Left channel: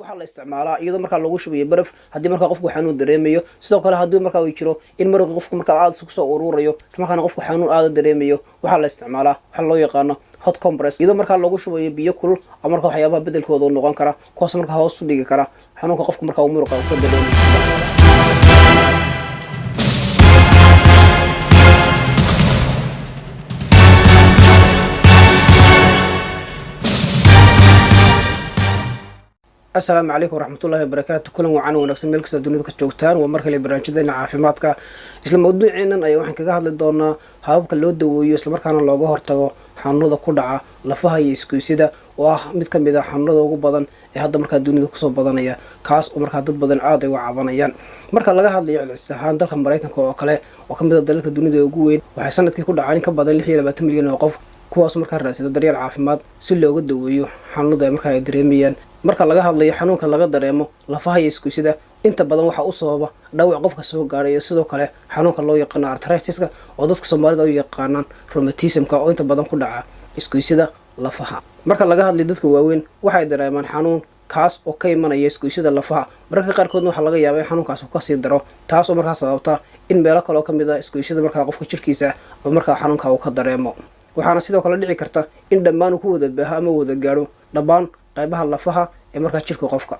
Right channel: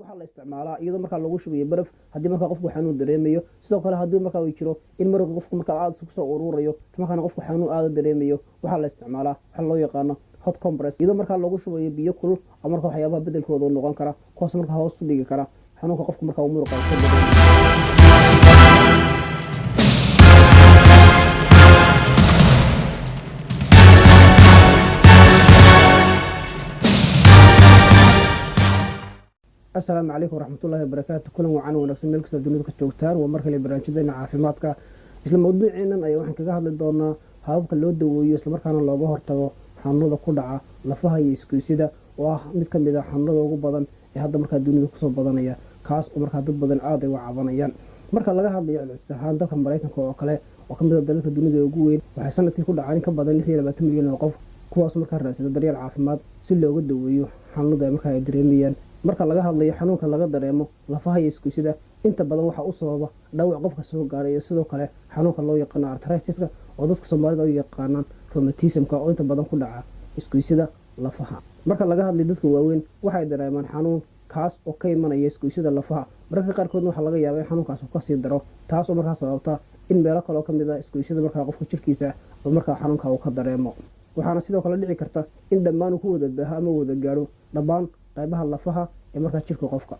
waxaa la isticmaalaa iyadoo markaa lagu shubayo baraf haddii markaa qofku xanuun dareemayo. sidoo kale haddii markaa uu jiro in maraqii qofku markaa aad isku soo ururayo markaana qofku xanuun aad dareemayo, waxaa la isticmaalaa waxa loo yaqaano hot compress iyadoo markaa lagu shubayo biyo kulul ama markaa waxyaabaha bedelkooda noqon kara kuwaas markaa hoos u dhigi kara xanuunka qofku markaa uu muruqa ka dareemayo. السلام عليكم ورحمة الله وبركاته. كل وعنا ونقسم ملك الدنيا كجوتان ومركز البرنامج عافيمادك isla mawduuceenan ayaa waxaan kaga hadli doonaa hababka loo daweeyo isla markaana looga hortago xanuunada ku dhaca lafaha iyo isgoysyada oo ah mid ka mid ah xanuunada ugu badan ee hadda markaa dunida kusoo badanaya, kaas oo markaa dad badan aad ay uga cabanayaan. marka laga hadlayo celcelis ahaan dalka Mareykanka oo kale oo ka mid ah dalalka dunida ugu weyn, waxay sanadkii ku dhacaan in ka badan 26 milyan oo qof kuwaas markaa raadsada daryeel caafimaad si looga daweeyo xanuunada ay markaa ay dareemayaan. marka laga hadlayo xanuunka laga dareemo lafaha iyo isgoysyada inta badan waxa u sababa dhaawac qofka soo gaaray iyo sidoo kale xanuunka loo yaqaan arthritis-ka oo dadka Soomaalida u yaqaanaan rheumatism-ka oo inta badan ku dhaca isgoysyada lafaha. marka laga hadlayo dadka waaweyn waxay dareemaan xanuun kaas oo ka imanaya isgoysyada lafaha, mararka qaarkoodna waxaa laga yaabaa in xanuunkaas uu ka sii daro, taas oo markaa sababta in meelo kale oo ka mid ah isgoysyada markaa qofka jirkiisa oo markaa xanuunka uu ka dareemo. waxaana sidoo kale dhici karta in dhammaan uu ku wada baaho ama wada gaadho dhammaan qaybaha lafaha ee markaa jirka qofka.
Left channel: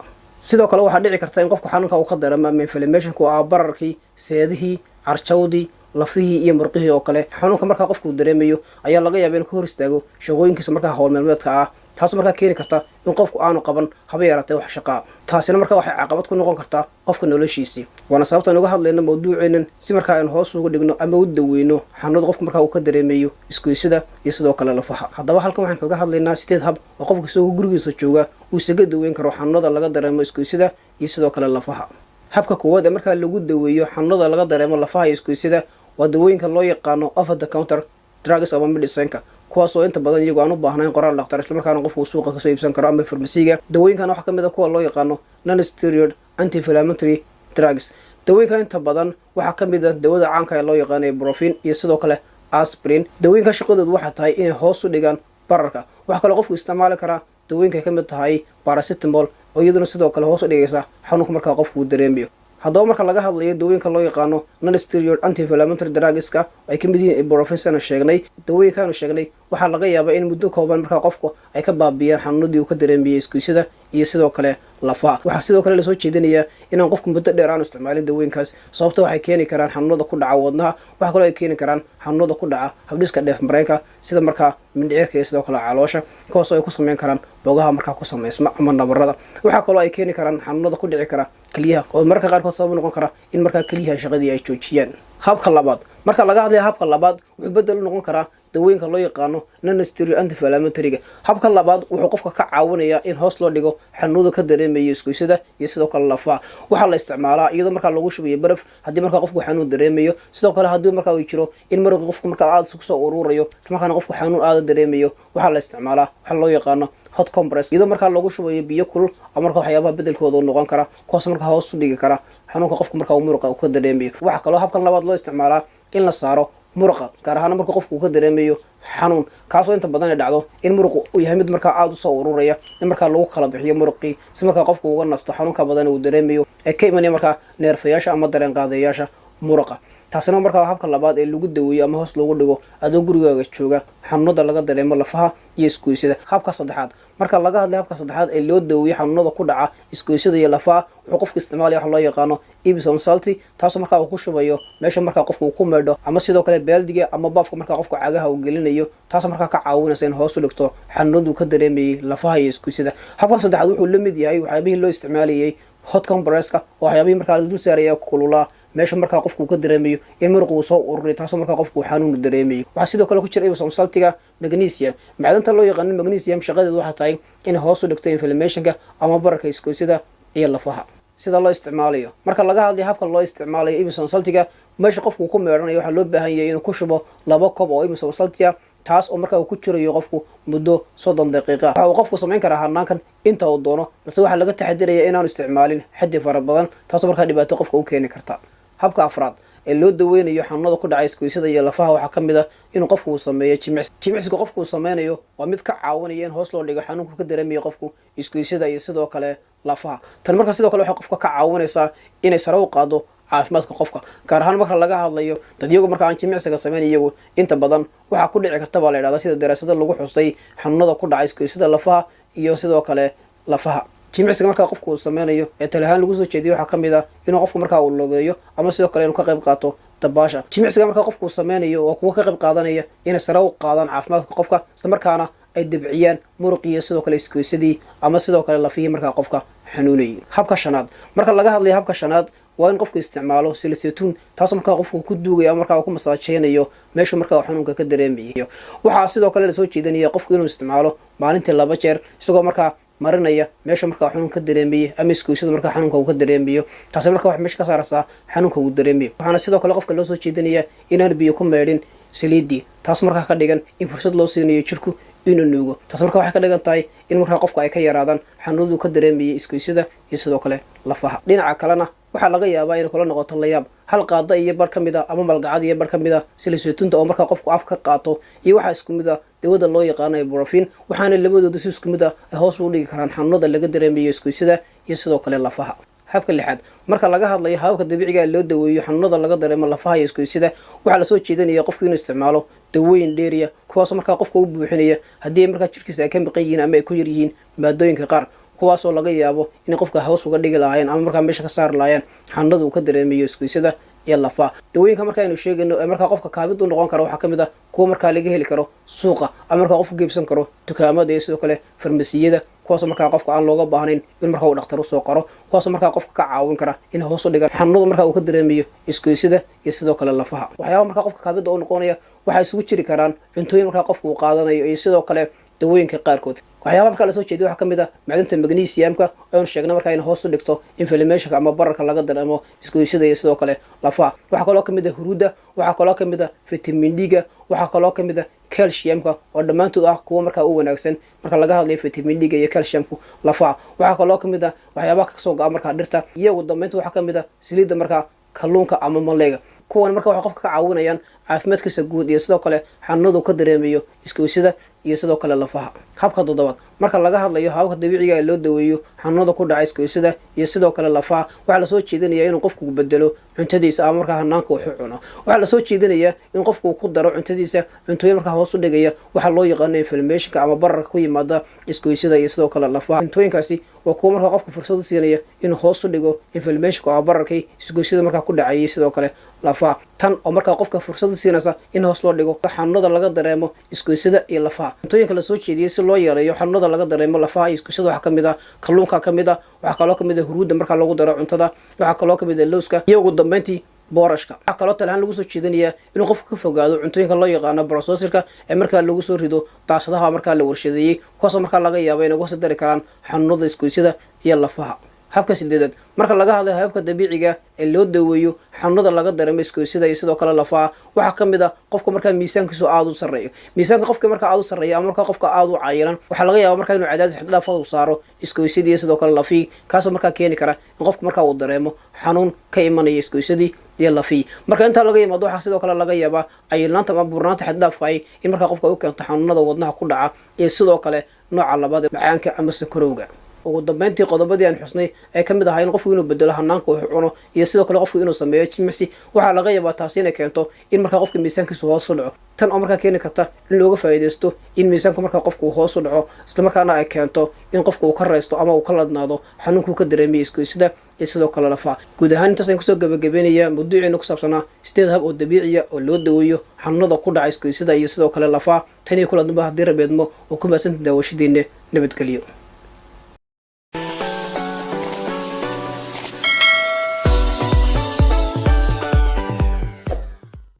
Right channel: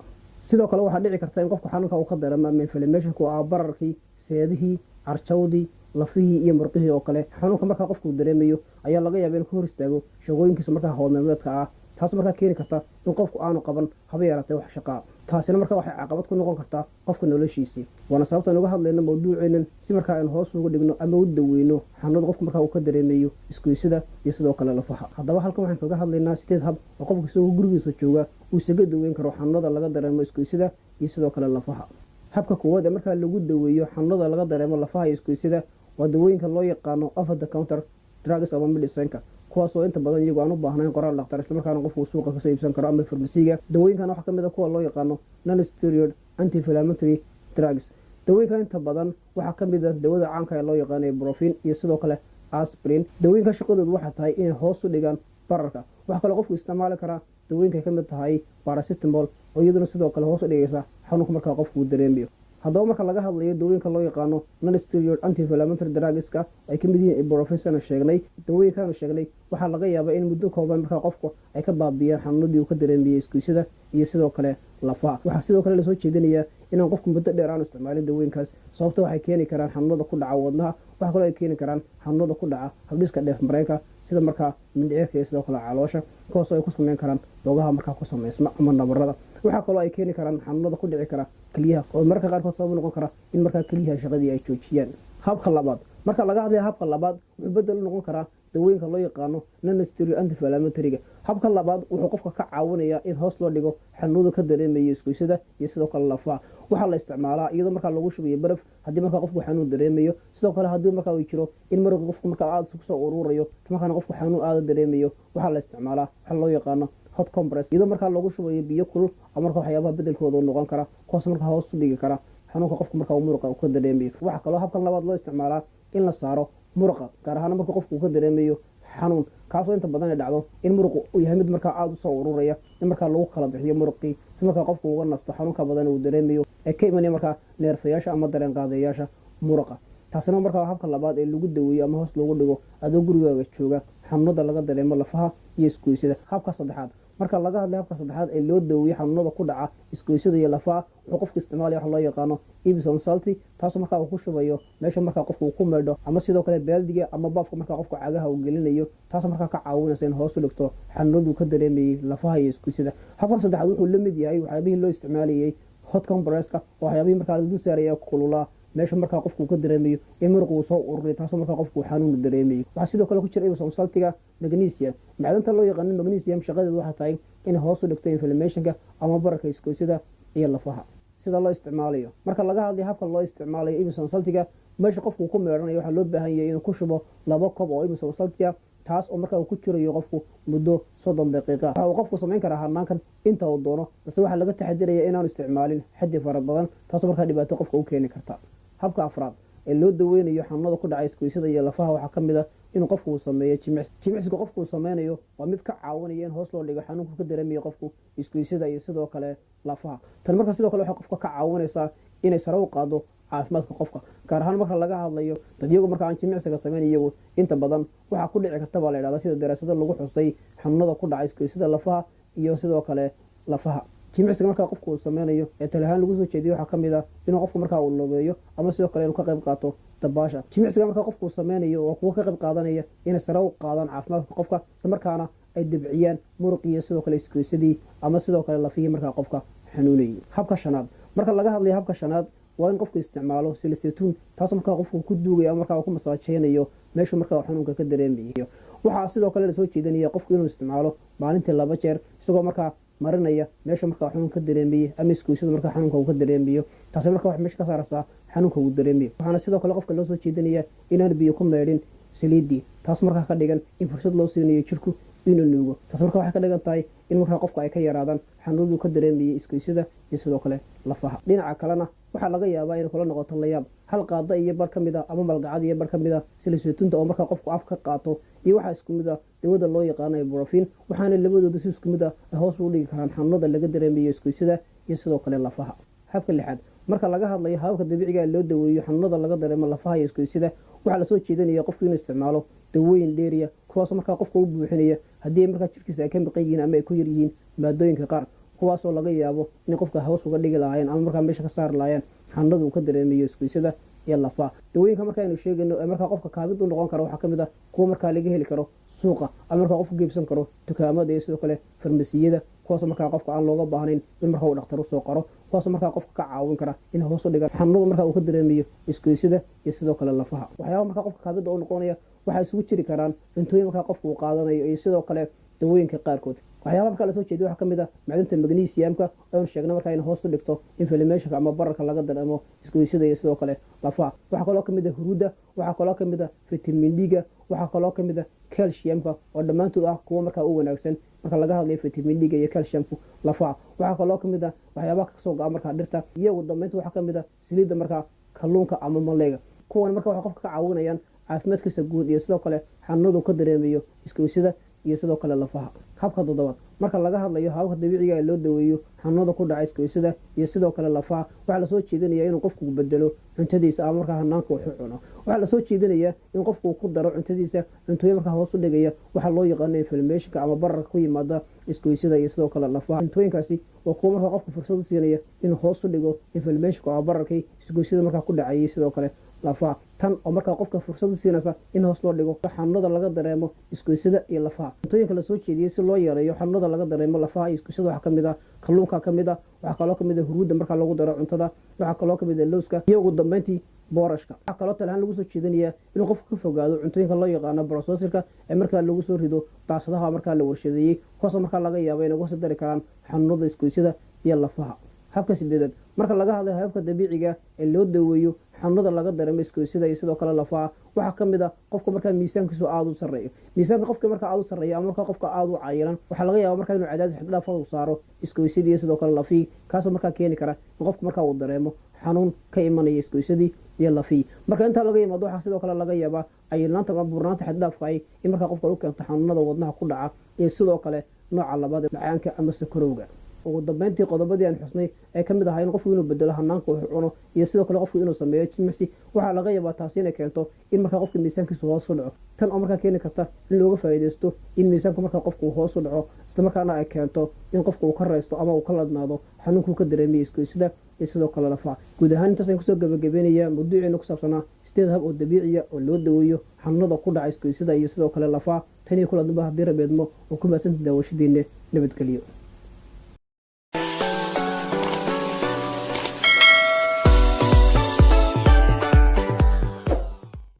sidoo kale waxaa dhici karta in qofku xanuunka uu ka dareemo inflammation-ku ah bararkii, seedihii, carjawdii, lafihii iyo murqihii oo kale. xanuunka markaa qofku dareemayo ayaa laga yaabaa inuu ka hor istaago shaqooyinkiisa markaa hawl maalmeedka ah, taas markaa keeni karta in qofku aanu qaban haba yaraatee wax shaqaa. taasina markaa waxay caqabad ku noqon kartaa qofka noloshiisii. waana sababta aan uga hadlayno mawduuceenan si markaa aynu hoos ugu dhigno ama u daweyno xanuunada qofku markaa uu ka dareemayo isgoysyada iyo sidoo kale lafaha. haddaba halkan waxaan kaga hadlaynaa 8 hab oo qofka isagoo gurigiisa jooga uu isaga daweyn karo xanuunada laga dareemo isgoysyada iyo sidoo kale lafaha. habka koowaad ee markaa lagu daweeyo xanuunada laga dareemo lafaha iyo isgoysyada waa dawooyinka loo yaqaano over the counter drugs ama medicine-ka, kuwaas oo inta badan iyagu aan u baahnayn qoraal dhakhtar isla markaana qofku suuqa kasoo iibsan karo ama farmasiga. dawooyinkan waxaa ka mid ah kuwa loo yaqaano non-steroid anti-inflammatory drugs. dawooyinkan inta badan waxaa ka mid ah dawada caanka ee loo yaqaano ibuprofen iyo sidoo kale aspirin. dawooyinka shaqadoodu waxay tahay inay hoos u dhigaan bararka. waxaa kaloo qofku isticmaali karaa dawooyinka ka mid tahay paracetamol oo iyaduna sidoo kale hoos u dhigaysa xanuunka markaa qofku uu dareemayo. haddaba marka laga hadlayo dawooyinka loo yaqaano non-steroid anti-inflammatory drugs-ka ay ka mid yihiin ibuprofen sana sheegnay, dawooyinkaanu sheegnay waxaa laga yaabaa in muddo kooban markaa qofku ay ka baabiyaan xanuunadii uu ka dareemayay isgoysyada iyo sidoo kale lafaha. waxaa sidoo kale lasoo jeedinayaa inaan qofku muddo dheer aanu isticmaalin dawooyinkaas, sababta waxay keeni karaan xanuunada ku dhaca wadnaha, waxaa kaloo ay keeni karaan xanuunada ku dhaca habdhiska dheef mareenka sida markaa mindhicirka iyo sidoo kale caloosha, kuwaas oo ay ku sameyn karaan boogaha markaa ku samaysma ama nabarada. waxaa kaloo ay keeni karaan xanuunada ku dhici kara keliyaha oo mararka qaarkood sabab noqon kara in markaa keliyaha shaqadii ay joojiyaan. habka labaad, marka laga hadlayo habka labaad wuxuu bedel u noqon karaa dawooyinka loo yaqaano non-steroid anti-inflammatory-ga. habka labaad wuxuu qofka ka caawinayaa in hoos loo dhigo xanuunada ka dareemayo isgoysyada iyo sidoo kale lafaha. waxaa la isticmaalaa iyadoo markaa lagu shubayo baraf haddii markaa qofku xanuun dareemayo. sidoo kale haddii markaa uu jiro in maraqii qofku markaa aad isku soo ururayo markaana qofku xanuun aad dareemayo, waxaa la isticmaalaa waxa loo yaqaano hot compress iyadoo markaa lagu shubayo biyo kulul ama markaa waxyaabaha bedelkooda noqon kara kuwaas markaa hoos u dhigi kara xanuunka qofku markaa uu muruqa ka dareemayo. waxaa kaloo habkan labaad loo isticmaalaa in la saaro muruqa, gaar ahaan marka qofku uu ka dareemayo xanuun, kaasoo inta badan ay dhacdo in muruqu uu yahay mid markaa aad u soo ururaya, in markaa lagu kala bixiyo muruqii si markaa qofku uga nasto xanuunka badan uu dareemayo ee ka imanaya markaa neerfayaasha ama dareen qaadayaasha muruqa. taasina markaa habka labaad ee lagu daweeyo ama hoos loogu dhigo adoo gurigaaga jooga xanuunada laga dareemo lafaha iyo isgoysyada. habka saddexaad, marka laga hadlayo habka saddexaad ee loo daweeyo xanuunada ku dhaca isgoysyada iyo lafaha, wuxuu qofku isticmaalaya waxa loo yaqaano Epsom salt, taasoo markaa uu ku shubayo meesha markaa qofku uu ku meedho ama sidoo kale baaldiga ama baafka markaa qofku cagaha uu gelinayo, taasoo markaa ka caawinaysa in hoos u dhigto xanuunadu ka dareemayay lafaha iyo isgoysyada. habkan saddexaad wuxuu la mid yahay waxyaabihii loo isticmaalayay hot compress-ka oo waxyaabihii markaa la dul saaraya kululaa meesha markaa qofku uu ka dareemayo in muruq uu soo ururiyo, taasoo markaa qofku xanuun dareemayo. waxaa sidoo kale ku jira Epsom saltiga magnesium. macdanta loo yaqaan magnesium shaqadeedu waxay tahay in hoos u dhigto inflammation-ka ama bararka isgoysyada iyo lafaha. sida loo isticmaalayo, marka laga hadlayo habka loo isticmaalayo Epsom saltiga, meesha qofku ku meedhanayo waxaa loo baahan yahay inuu ku shubo 2 koob oo Epsom saltiga, taas oo markaa uu ku jirayo qofku muddo 30 daqiiqo. waxa uu qofku samayn karaa hanaankan inta uu doono, balse waxaa laga taxadirayaa inaanu isticmaalin xaddi fara badan, taasoo markaa dhibaato qofka u keeni karta. habka afraad ee loo daweynayo xanuunada ku dhaca isgoysyada iyo lafaha waxaa ka mid ah inuu qofku uu sameeyo jimicsi. jimicsiga qofku uu sameynayo waa mid ka caawinaya in hoos loo dhigo xanuunka ka dareemayo qofku isgoysyada iyo sidoo kale lafaha. tan marka sidoo kale waxay qofka ka caawinaysaa inay sare u qaado caafimaadka qofka, gaar ahaan marka laga hadlayo dad iyagu marka aan jimicsiga samayn iyagu inta badan waxaa ku dhici karta baa la yidhahdaa sida daraasado lagu xusay xanuunada ku dhaca isgoysyada lafaha iyo sidoo kale lafaha. jimicsiga markaa qofku uu sameynayo ee talahaan lagu soo jeediyo waxaa ka mid ah inuu qofku markaa uu logeeyo ama sidoo kale inuu ka qayb qaato dabaasha. jimicsiga markaa qofku uu sameynayo waa kuwa ka qayb qaadanaya inay sare u qaadaan caafimaadka qofka, isla markaana ay debciyaan muruqiyo sidoo kale isgoysadii ama sidoo kale lafihii markaa qofka xanuunayay. habka shanaad, marka laga hadlayo habka shanaad waa in qofku isticmaalo silisaytuun, taasoo markaa qofku ku duugaya ama markaa ku masaajeynayo meeshuu markaa xanuunka ka dareemayo. waxaa sidoo kale lasoo jeedinaya qofku inuu isticmaalo maalintii 2 jeer isagoo markaa marinaya meesha markaa xanuun ka dareemayo ama isgoysyada markaa xanuunka uu ka dareemayo, taasi markaa wax meesha ka saaraysaa xanuunka uu dareemayo. waxaana sidoo kale qofka loo soo jeedinaya inaan biyo ku meedhin saliidii, taas markaa ka dhigan in fursad loo siinayo jirku inuu nuugo. taas markaa waxay ka dhigan tahay in markaa qofka ay ka yaraadaan xanuunadu ka dareemayay isgoysyada iyo sidoo kale lafaha. dhinaca kalena waxaa laga yaabaa inay kula noqoto layaab hal qaada iyo bar ka mid ah ama malgacad iyo bar ka mid ah silisaytuunta oo markaa qofku af ka qaato iyo waxaa isku mid ah dawada loo yaqaano ibuprofen, waxaana labadooda si isku mid ah ay hoos u dhigi karaan xanuunada laga dareemayo isgoysyada iyo sidoo kale lafaha. habka 6aad, marka laga hadlayo hababka dabiiciga ee loo daweeyo xanuunada laga dareemo lafaha iyo isgoysyada waxaa lasoo jeedinaya qofku inuu isticmaalo dawooyin dheeriya kuwaasoo markaa qofka u buuxinaya haddii markaa jirkiisa ay ka maqan yihiin ama ay ku yar yihiin maadooyinka qaar, kuwaasoo laga yaabo inay qofka hoos uga dhigi lahaayeen ama markaa meesha ka saari lahaayeen xanuunada uu ka dareemayo isgoysyada iyo lafaha. dawooyinka marka aynu sheegayno ee markaa qofka kaabid u noqon karo waxaa ka mid ah kuwa markaa laga heli karo suuqa ama markaa qofku geebsan karo dukaamada iyo sidoo kale farmasiyada, kuwaasoo markaa qofka aan looga baahnayn in markaa uu dhakhtar usoo qaro, kuwaasoo markaa qofka ka caawin kara inay hoos u dhigaan xanuunada markaa uu ka dareemayo isgoysyada iyo sidoo kale lafaha. waxyaaba markaa qofka kaabida u noqonaya waxaa isugu jiri karaan cuntooyin markaa qofka uu qaadanayo iyo sidoo kale dawooyinka qaarkood. waxyaaba markaa lasoo jeediyo waxaa ka mid ah macdanta magnesiumka oonu sheegna markaa in hoos u dhigto inflammationka ama bararka laga dareemo isgoysyada iyo sidoo kale lafaha. waxaa kaloo ka mid ah huruudda, waxaa kaloo ka mid ah vitamin d-ga, waxaa kaloo ka mid ah calciumka oo dhammaantood ah kuwa markaa u wanaagsan marka laga hadlayo vitamin d-ga iyo calciumku lafaha. waxaa kaloo ka mid ah waxyaabaha kasoo go-a markaa dhirta, iyo ugu dambeynta waxaa ka mid ah saliidda markaa kalluunka ama malayga. kuwan marka waxay qofka ka caawinayaan caafimaadkiisa guud iyo sidoo kale xanuunadu ka dareemayo isgoysyada iyo sidoo kale lafaha. habka 7aad, marka laga hadlayo hababka dabiiciga ee loo daweeyo xanuunada ku dhaca isgoysyada iyo sidoo kale lafaha waxaa lasoo jeedinaya inuu qofku bedelo cuntadiisa ama markaa hanaanka wuxuu cuno. waxaa lasoo jeedinaya in qofku ku daro cuntadiisa cuntooyin markaa hoos u dhigaya waxaa loo yaqaano inflammationka ama bararka ku yimaada isgoysyada iyo sidoo kale lafaha. cuntooyinkaasi waa kuwa markaa qofku fursad u siinaya inuu hoos u dhigo inflammationka oo bararkii isgoysyada markaa ku dhacayay sidoo kale lafaha. tan oo markaa qofka fursad u siinaysa in hoos loo dhigo xanuunada laga dareemo isgoysyada iyo lafaha. cuntooyinka lasoo jeediyey si loo yareeyo xanuunada laga dareemo lafaha iyo isgoysyada waxaa ka mid ah kalluunka ka mid ah, waxaa kaloo ka mid ah huruudda markaa lagu daro cuntada, waxaa kaloo ka mid ah lowska iyo ugu dambeyntii boorashka. waxaa kaloo talahaan lagu soo jeedinayaa inuu qofku ka fogaado cuntooyinka loo yaqaano processorka ee markaa lagu soo rido daasadaha markaa la warshadeeyey, kuwaasoo markaa laga yaabo inay uga sii dari karaan xanuunada isgoysyada iyo lafaha. habka 8aad, marka laga hadlayo hababka dabiiciga ee loo daweeyo xanuunada laga dareemo isgoysyada iyo sidoo kale lafaha waxaa ka mid ah qofka markaa miisaankiisu aada u sarreeyo. miisaanka qofka markaa aada u sarreeya ama markaa qofka aada u cayilan waxaa laga yaaba markaa inuu cadaadis xaddhaaf u saaro isgoysyadii iyo sidoo kale lafihii, kaasoo markaa keeni kara in qofka markaa uu dareemo xanuun ka imanaya isgoysyadii iyo lafihii. marka intaa laga yimaado waxaa sidoo kale laga yaabaa cayilnaanta ama burnaanta xaddhaafka ay in markaa qofka u keento xanuunada wadnaha ku dhaca iyo sidoo kale nooca labaad ee macaanka ama sakarowga. ugu dambeyntii qodobadii aan xusnay ay ka mid ahaa in qofku inuu bedelo hanaanka wuxuu cuno iyo sidoo kale qofku inuu sameeyo jimicsi, waxaa laga yaabaa taasi inay keento in markaa qofka miisaankiisu hoos u dhaco. tan oo markaa keeni karta in looga faa'iidaysto in miisaanku markaa qofku hoos u dhaco, isla markaana ay keento in qofku uu ka raysto ama uu ka ladnaado xanuunkuu ka dareemaya isgoysyada iyo sidoo kale lafaha. guud ahaan intaas ayaan kusoo gabagabeynaya mawduuciina ku saabsanaa 8 hab oo dabiiciya oo loo daweeyo xanuunada ku dhaca isgoysyada iyo sidoo kale lafaha. tan iyo kula dambe haddii rabeedmo oo ku mahadsantahay daawashadiinna. nabadgelyo.